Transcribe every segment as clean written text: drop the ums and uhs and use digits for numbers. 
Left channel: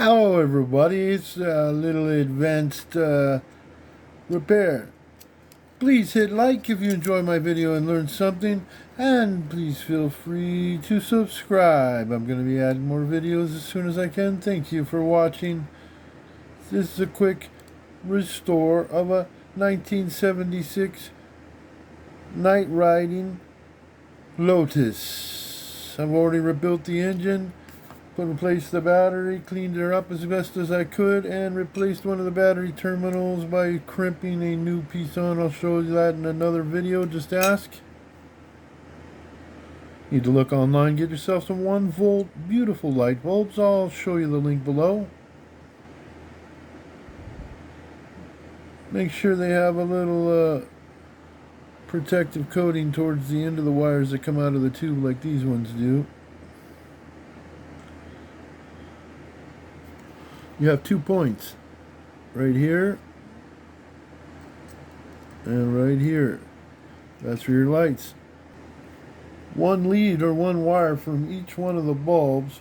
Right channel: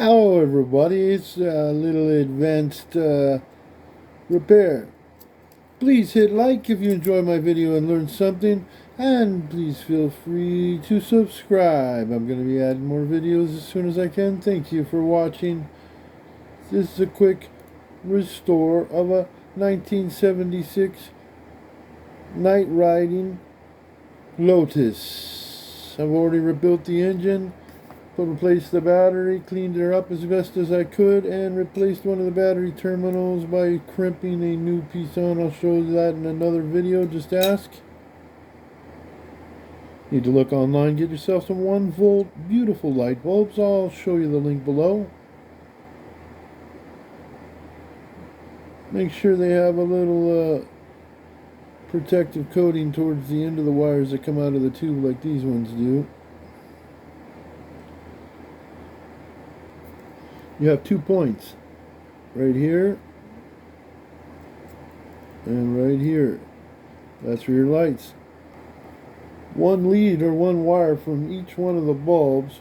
Hello everybody, it's a little advanced repair. Please hit like if you enjoy my video and learn something, and please feel free to subscribe. I'm going to be adding more videos as soon as I can. Thank you for watching. This is a quick restore of a 1976 night riding Lotus. I've already rebuilt the engine, replaced the battery, cleaned her up as best as I could, and replaced one of the battery terminals by crimping a new piece on. I'll show you that in another video, just ask. Need to look online, get yourself some 1-volt beautiful light bulbs. I'll show you the link below. Make sure they have a little protective coating towards the end of the wires that come out of the tube like these ones do. You have 2 points, right here and right here. That's for your lights. One lead or one wire from each one of the bulbs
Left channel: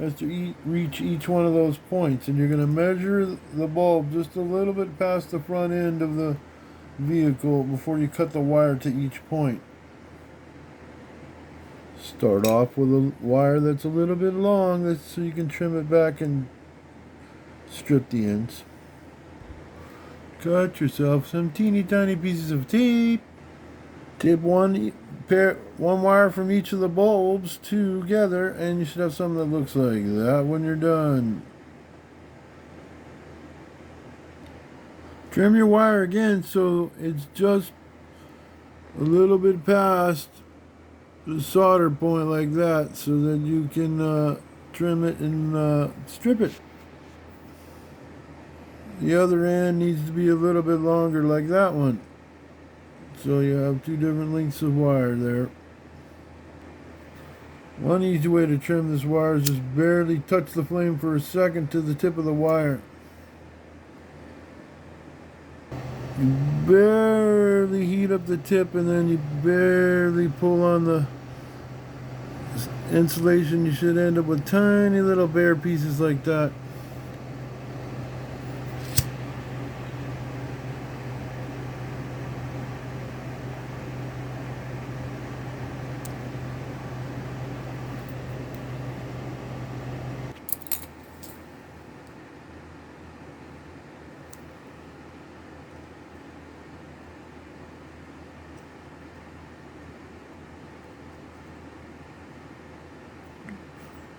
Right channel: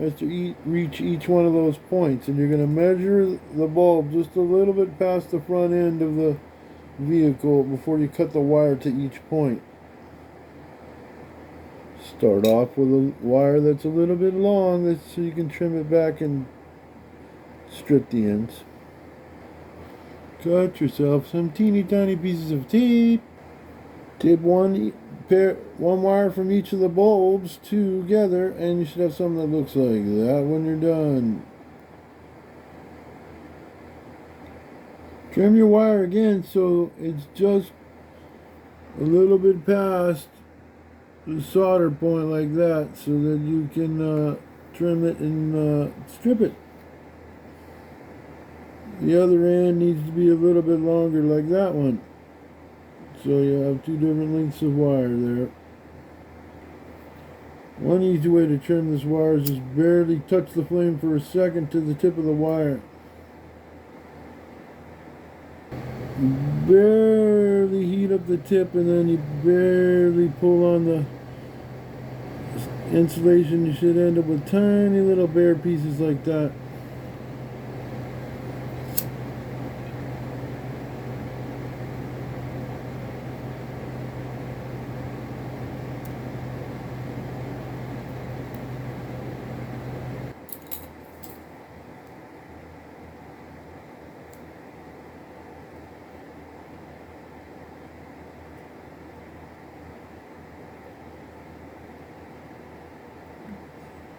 has to reach each one of those points, and you're going to measure the bulb just a little bit past the front end of the vehicle before you cut the wire to each point. Start off with a wire that's a little bit long, so you can trim it back and strip the ends. Cut yourself some teeny tiny pieces of tape. Tape one wire from each of the bulbs together, and you should have something that looks like that when you're done. Trim your wire again so it's just a little bit past the solder point like that, so that you can trim it and strip it. The other end needs to be a little bit longer like that one. So you have 2 different lengths of wire there. One easy way to trim this wire is just barely touch the flame for a second to the tip of the wire. You barely heat up the tip, and then you barely pull on the insulation. You should end up with tiny little bare pieces like that.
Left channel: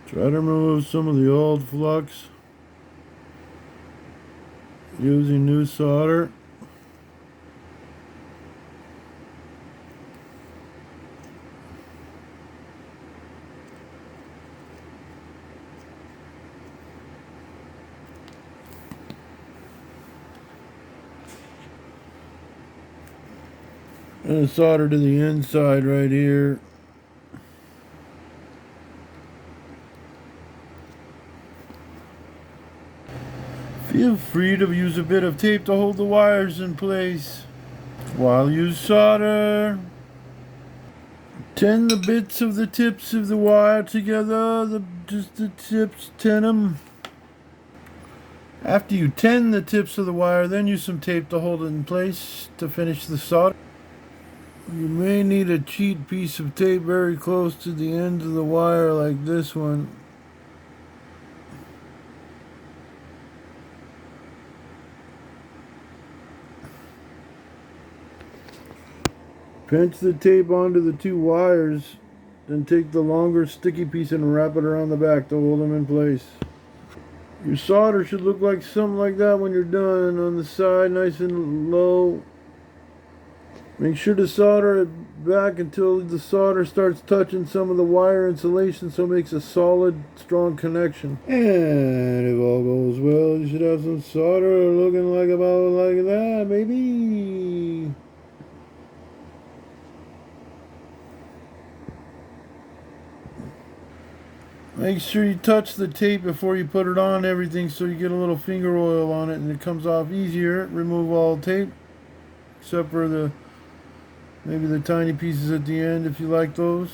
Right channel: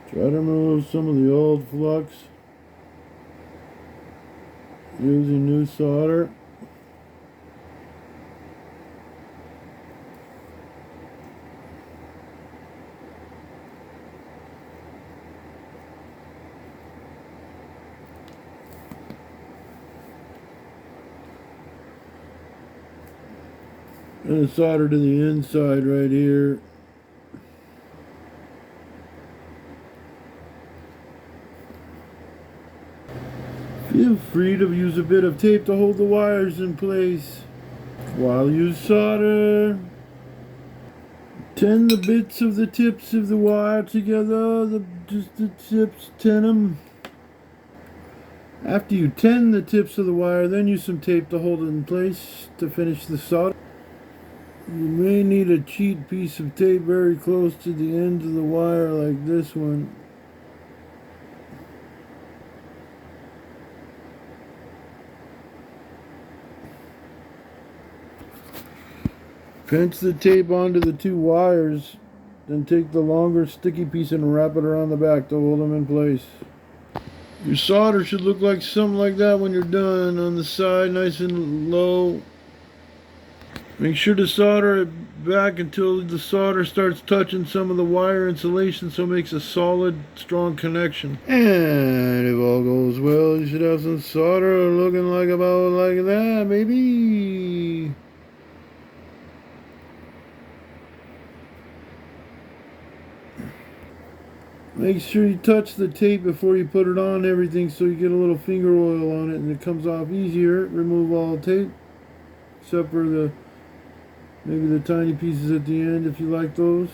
Try to remove some of the old flux using new solder. And solder to the inside right here. Feel free to use a bit of tape to hold the wires in place while you solder. Tin the bits of the tips of the wire together, just the tips, tin them. After you tin the tips of the wire, then use some tape to hold it in place to finish the solder. You may need a cheat piece of tape very close to the end of the wire like this one. Pinch the tape onto the 2 wires, then take the longer sticky piece and wrap it around the back to hold them in place. Your solder should look like something like that when you're done. On the side, nice and low. Make sure to solder it back until the solder starts touching some of the wire insulation, so it makes a solid, strong connection. And if all goes well, you should have some solder looking like about like that, maybe. Make sure you touch the tape before you put it on everything, so you get a little finger oil on it and it comes off easier. Remove all tape except for maybe the tiny pieces at the end if you like those.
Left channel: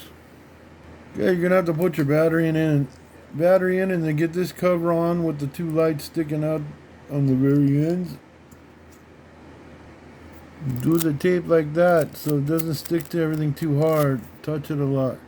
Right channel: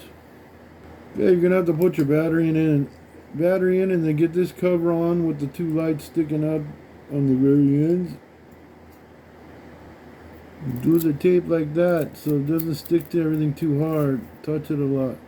Yeah, you're gonna have to put your battery in battery in and then get this cover on with the two lights sticking out on the very ends. Do the tape like that so it doesn't stick to everything too hard. Touch it a lot.